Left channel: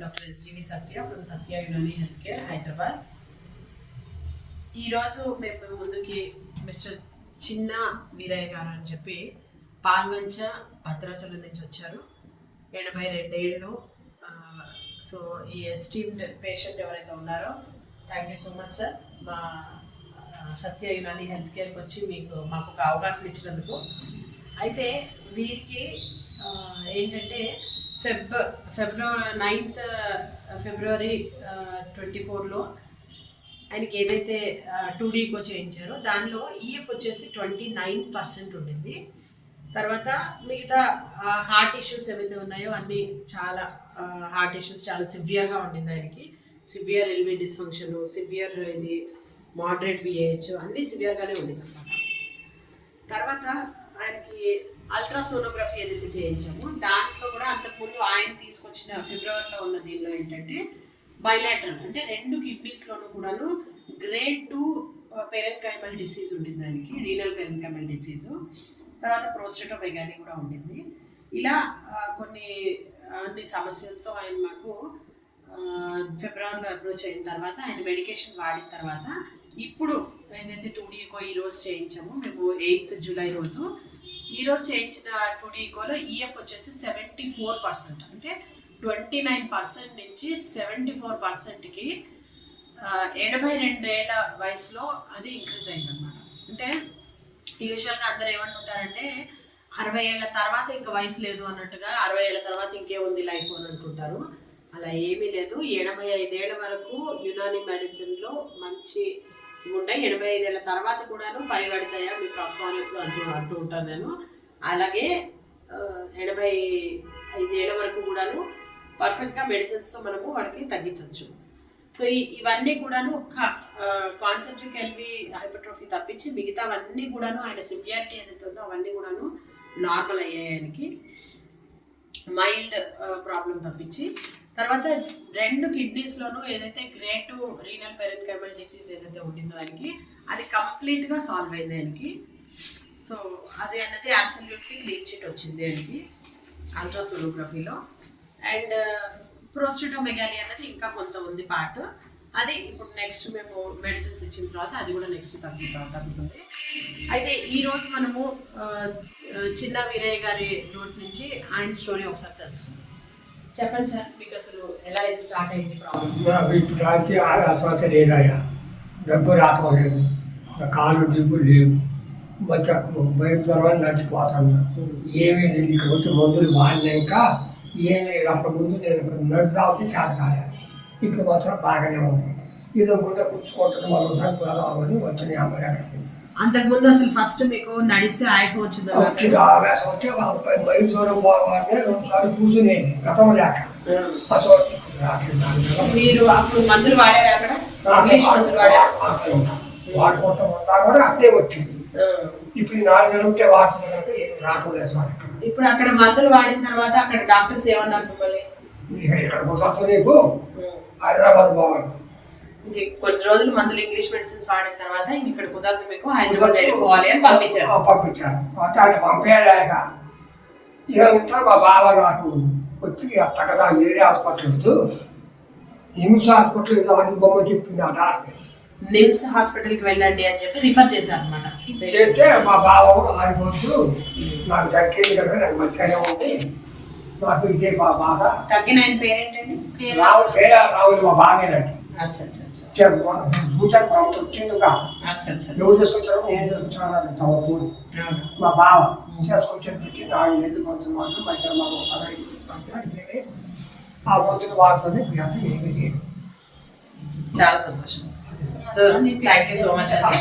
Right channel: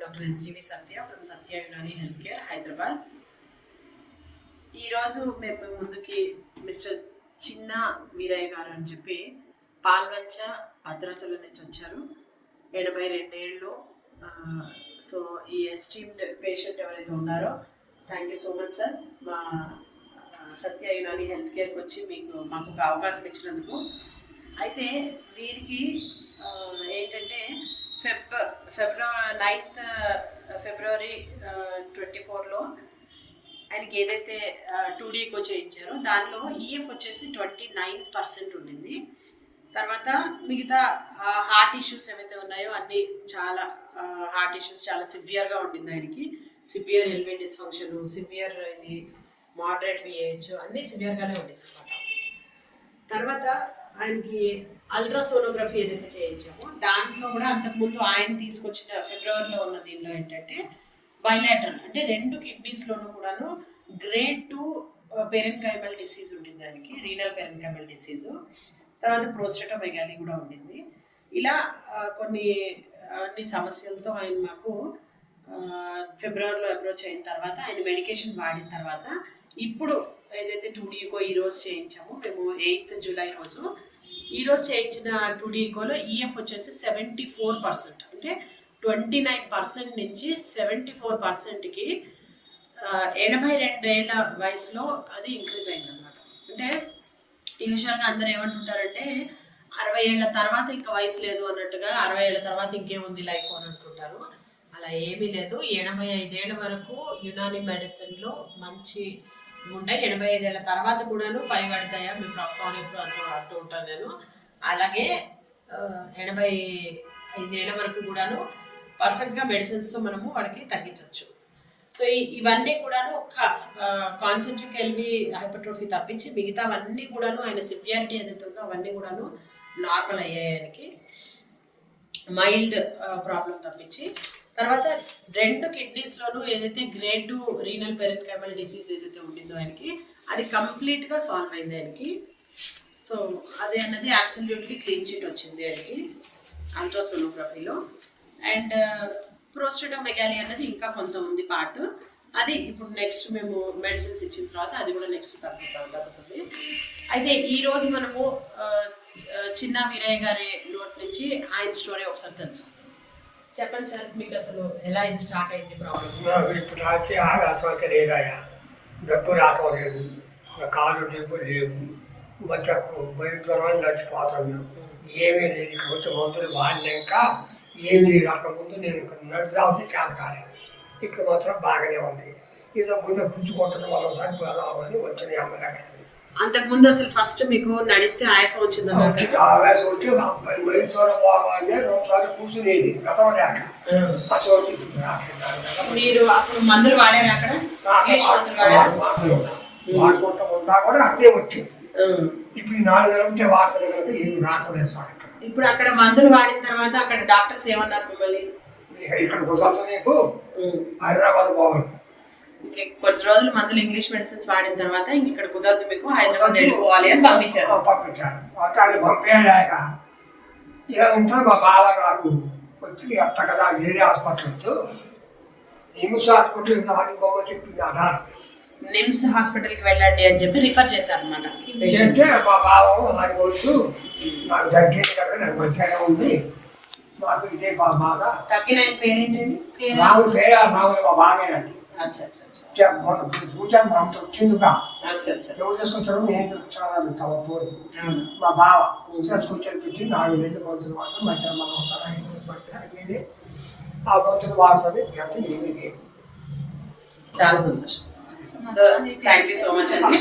Doctor SGV Satya from Satya Unani health care Hyderabad. ఈరోజు మేము ముందుకి మిస్టర్ చిన్న వీరయ్య గారు అని చెప్పి పాల్వంచ భద్రాచలం నుంచి వచ్చారు. 82 ఏళ్ళు. సో ఈ ఎస్టీమ్డ్ పేషెంట్ ఎవరైతే ఉన్నారో thank you so much sir, మా సత్య యునాని హెల్త్ కేర్కి వచ్చి మాకు ఒక అవకాశం ఇచ్చినందుకు. అయితే వీరికి ఏంటంటే ఫిబ్రవరి 9th ఫిబ్రవరి 24లో ఆయనకి ఏదైతే 2Dకో చేయించారో దానిలో ఈఎఫ్ వచ్చేసి 29% ఉండింది. తర్వాత మిగతా హార్ట్ ఇష్యూస్ ఏవైతే ఉన్నాయో అన్నీ చాలా హార్ట్ ఇష్యూస్ చాలా సివియర్గా ఉండింది ఆయనకి. సివియర్ ఎల్వి డిస్ఫంక్షన్, సివియర్ ఇది మోడరేట్ విఏహెచ్ అన్నీ సివియర్గానే ఉండింది అనమాట. తర్వాత ఆయనకి అల్ట్రాసోనోగ్రఫీ ఏదైతే చేయించామో దాంట్లో కూడా అంతకుముందు ఆయన తీసుకొచ్చిన ఫిబ్రవరిలో ఉన్న దీనిలో ఏంటంటే బైలాటరల్ అంటే 2 కిడ్నీస్లోనూ కూడాను గ్రేడ్ 2 పెరెన్కైమల్ డిసీజ్ ఉండింది ఆయనకి, రీనల్ పెరెన్కైమల్ డిసీజు. తర్వాత ప్రోస్టేటోమెగాలీ కూడా ఉండింది. ఇలా అన్ని సమస్యలతో ఆయన మాకు ఫిబ్రవరిలో అప్రోచ్ అయిన తర్వాత ఆయన మెడికేషన్ వాడిన తర్వాత ఇప్పుడు ఏదైతే 2Dకో ఈరోజు చేయించామో మేము 8th జూలై రోజు ఈరోజు చేయించిన 2Dకోలో ఈఎఫ్ వచ్చేసి 74%, అంటే 29% నుంచి 74%కి 82 ఏళ్ళ వయసులో అది ఇంక్రీజ్ అయిందనమాట. అంటే యూజువల్గా అందరూ ఏమంటుంటారంటే 60 ఏళ్ళ తర్వాత ఇంకా వయసు లేదు అన్నట్టుగా, 60 ఏళ్ళ తర్వాత ఇంకేముంది లైఫ్ అని అంటుంటారు. అలా ఏమీ లేదు. 85 ఏళ్ళ వరకు యునాని మెడిసిన్లో మంచి ఉండే 85 ఏళ్ళ తర్వాత కూడాను పైబడతాయా మీ ప్రాబ్లం అని ఎప్పుడు అంటూ ఉంటాను నేను. అలాగే 85 ఏళ్ళ వరకు కూడాను పర్ఫెక్ట్గా మెడిసిన్స్తో మనము వాడికి తగ్గించవచ్చు. సో ఇవన్నీ కూడాను ఒక కాన్సెంట్రిక్ ఎల్వి హైపర్ట్రోఫీ తప్పించి మిగతావన్నీ కూడాను ఆయన సివియారిటీ ఏదైతే ఉందో అవన్నీ కూడాను నార్మల్ అయ్యాయి ఆయనకి, మైల్డ్ ప్రాబ్లం తప్పించి. తర్వాత 2 కిడ్నీస్లోనూ ఏదైతే గ్రేడ్ 2 రీనల్ పెరెన్కైమల్ డిసీజ్ ఏదైతే ఉండిందో ఆయనకి అది కంప్లీట్గా సాల్వ్ అయింది ఆయనకి. సో అది అన్నది అబ్సల్యూట్లీ క్లీన్ చిట్ వచ్చింది ఆయనకి అల్ట్రాసోనోగ్రఫీలో. అండ్ ప్రోస్టేటోమెగాలీ అన్నది ఇంకా కొంత ఉంది పార్ట్, అది ఇప్పుడు నెక్స్ట్ మేము మెడిసిన్స్ ఇచ్చిన తర్వాత అది కూడా నెక్స్ట్ తగ్గుతుంది. అయితే ఈరోజు మనము చిన్న వీరయ్య గారి నోట్ నుంచి ఆయన స్టోరీ ఒకసారి తెలుసుకుందాం. చెప్పండి సార్, మీకు అసలు ఎలా ఇది స్టార్ట్ అయింది ప్రాబ్లం? ఇప్పుడు రాత్రి ఆస్పత్రి లేదయ్యా, దగ్గు రావటం లేదు, కాళ్ళు దిప్పులు లేవు, బచ్చకు భయంకరమైన నడిచిపోతున్నా, ఏమీ లేదు. ఇక్కడ వచ్చి మందులు వాడినాక ఏమీ లేదు. అక్కడ ముందు నేను నడిచావుని చేత కాలేదు, ఇప్పుడు మాత్రం బాగానే ఉంది. ఏదో గుండె కూర్చుకుంటున్న వాళ్ళు ఒకసారి పోదామని వచ్చిన అమ్మాయి అక్కడికి. అంతకుముందు అసలు ఫస్ట్ మీకు నడిస్తే ఆయాసం వచ్చింది? ఆయాసం వచ్చి మైలు దూరం పోవాలంటే 2 సార్లు కూర్చునేది గతం లేక. అసలు మీరు అప్పుడు మందులు వాడారు అక్కడ? వాడుకుంటా ఉన్నా కూడా అదే వచ్చింది. ఇప్పుడు 4 నెలలకే వాడుతుంది కనుక ఏమి రావట్లేదు సార్. ఇప్పుడు అక్కడ మందులు వాడిన తర్వాత అక్కడ డాక్టర్స్ ఏమన్నారు మిమ్మల్ని? ఇక్కడ కుదరదు నీకు, హైదరాబాద్ పోవాలి. కొన్ని రోజులు మందులు ఇంగ్లీష్ మెడిసిన్స్ వాడిన తర్వాత ఇంక ఇక్కడ కుదరదు మీకు, హైదరాబాద్ వెళ్ళిపోవాలి అని పంపించారు. పంపించారు పంపేయలేక ఇక ఉంటారు. మా బావ నాకు వచ్చి అట్ట కదా వేరే హాస్పిటల్ నిమ్స్ హాస్పిటల్ అది బొమ్మ చెప్పింది. ఆ డాక్టర్ నిమ్స్ హాస్పిటల్కి వెళ్ళండి అని చెప్పి రిఫర్ చేశారు అనమాట. చేస్తే మా బావ ఆడికి వచ్చు, నాకు తగ్గింది కనుక నాకు మంచిగానే ఉంది, నాకు ఇదే బాగా తగ్గిన. ఆయన పేరేంటండి? రావులు పేరు రావులు మా బాగానండి. కూర్చొని మా వచ్చిందిగా ఎవరు చేసుకొచ్చారో నేను చేసుకొచ్చాను. మా బావ చేసుకొచ్చాను పెట్టి 4 నెలలు పంతులు వాడు మధ్య ఆ పంతులు వాడుతుంది. ఏమీ లేదు. చాలా సంతోషం. So thank you so much అండి.